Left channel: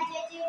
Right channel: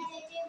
राज्याचे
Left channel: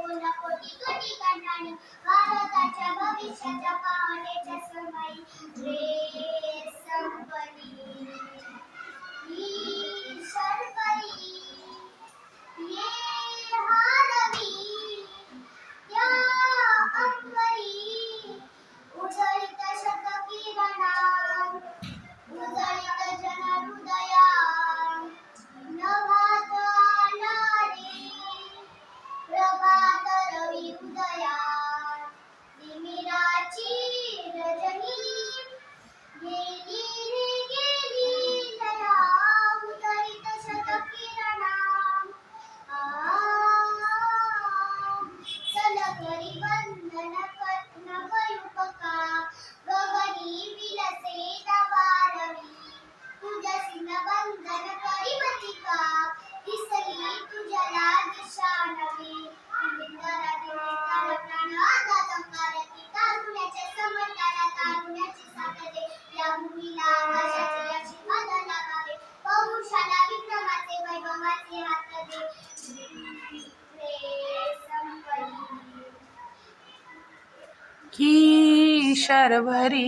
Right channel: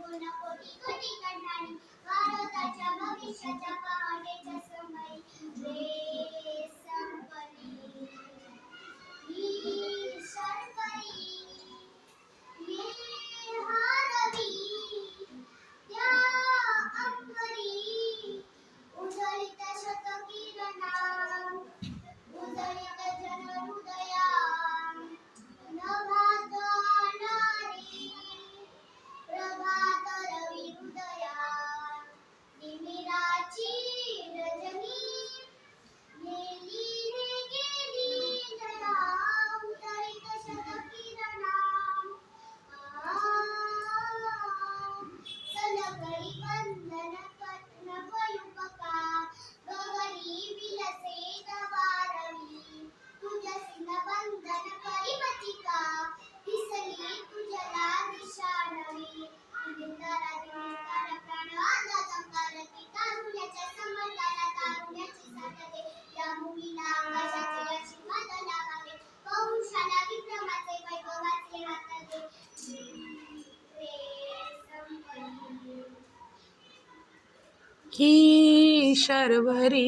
ही शर्वरी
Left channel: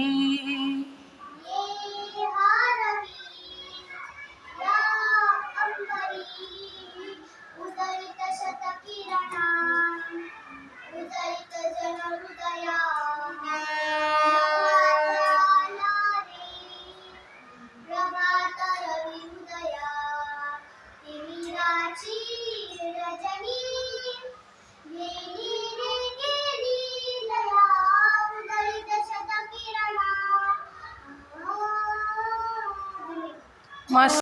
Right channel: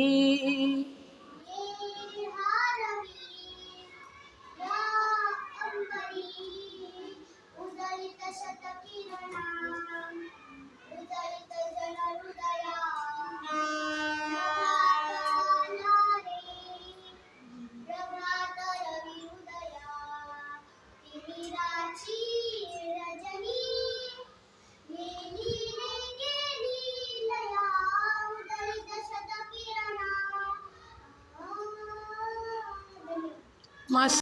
Mas